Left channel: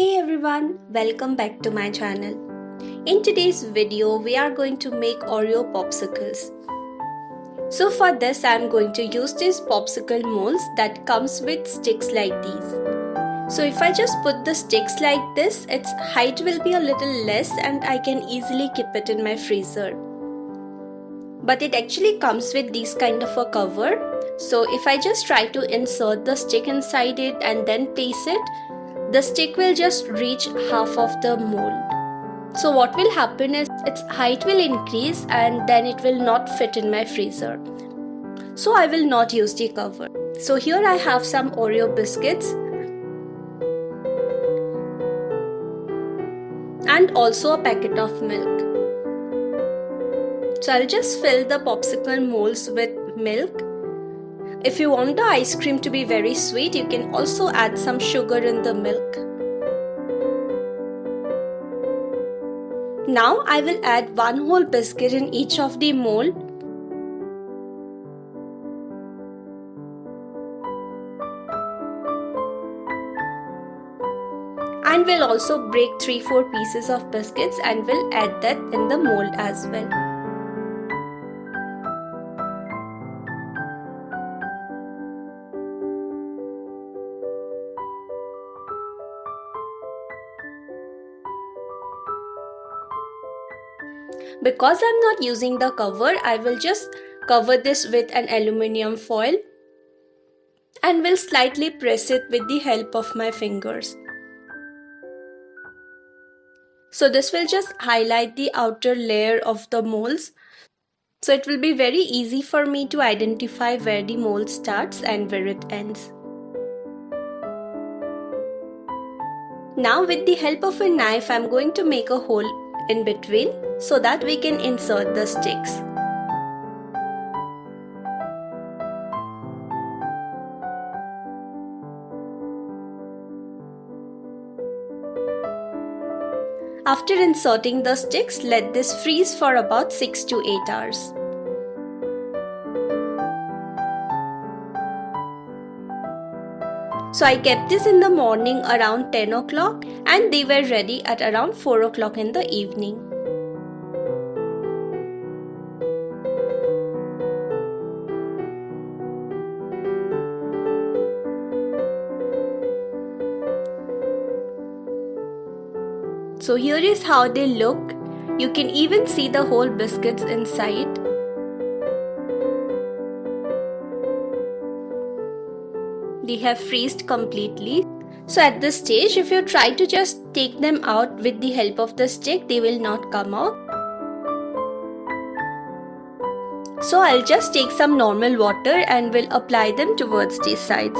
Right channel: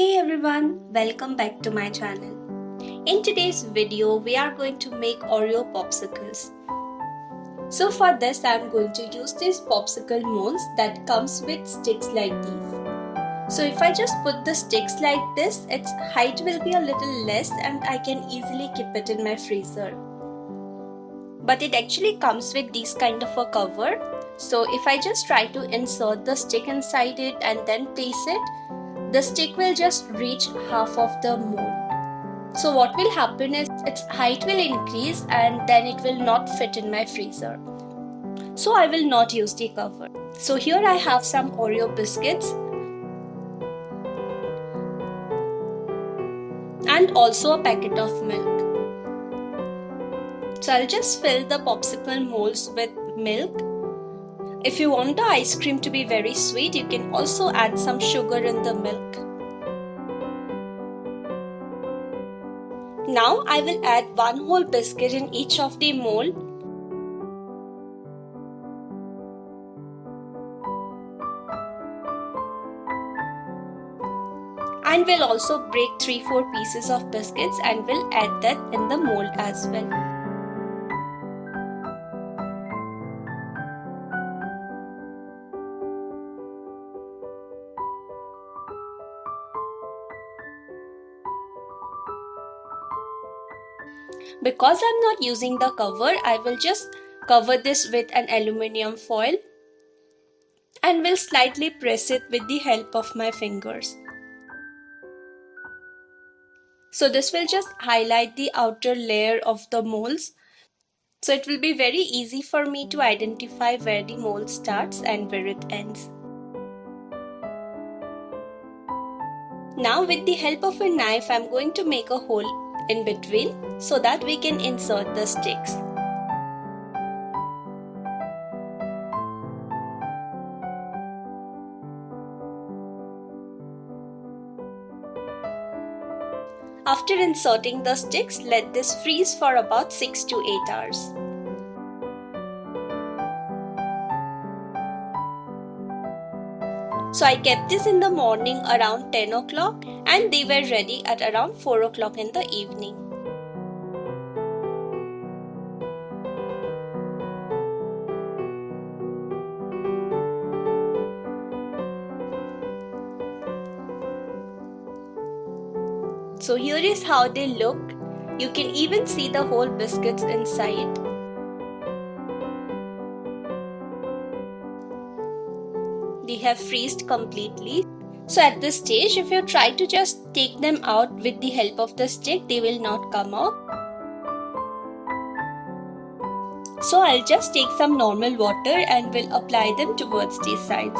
Hey everyone, welcome back to my channel. In today's video, we are going to make Oreo Popsicles. So for this, I am going to use these popsicle molds that comes with sticks like these. So if I just put the sticks like this, its height will be a little less and I can easily keep it in my freezer. But it actually comes with this kind of a cover. So if I just try to insert the stick inside it and then place it, the stick will just reach half of the mold. So what will happen is its height will increase and then it will not fit in my freezer. So I will not use the cover. So here I have some Oreo biscuits and also a packet of milk. So I'll just fill the popsicle molds with milk. If you want the ice cream to be very sweet, you can also add some sugar in the milk. Now I will add one whole biscuit in each of the mold. And we'll also break 3-4 pieces of biscuits and we'll add that in the mold as well. Because I'm not using the cover, I will just cover this with an aluminium foil and will slightly press it with the help of my fingers. So this will just highlight the outer layer of the molds. So it will be very easy for me to identify where the mold starts and where it ends. Now with the help of a knife, I'm going to make a hole in between so that we can insert the sticks. After inserting the sticks, let this freeze for about 6 to 8 hours. So I kept this in the morning around 10 o'clock and they were ready at around 4 o'clock in the evening. So here is how they look. You can even see the whole biscuits inside. They have freezed completely. So at this stage, if you try to just take them out with the help of the stick, they will not come out. So I'll just take some normal water and will apply them towards these sides.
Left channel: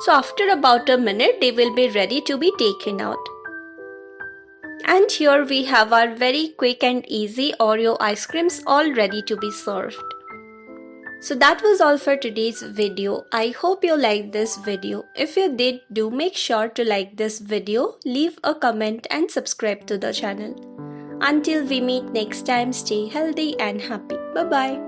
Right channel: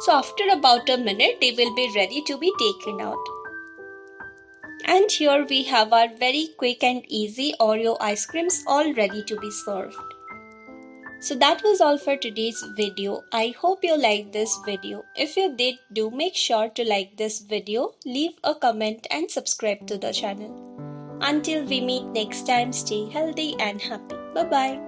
So after about a minute, they will be ready to be taken out. And here we have our very quick and easy Oreo ice creams all ready to be served. So that was all for today's video. I hope you liked this video. If you did, do make sure to like this video, leave a comment and subscribe to the channel. Until we meet next time, stay healthy and happy. Bye-bye.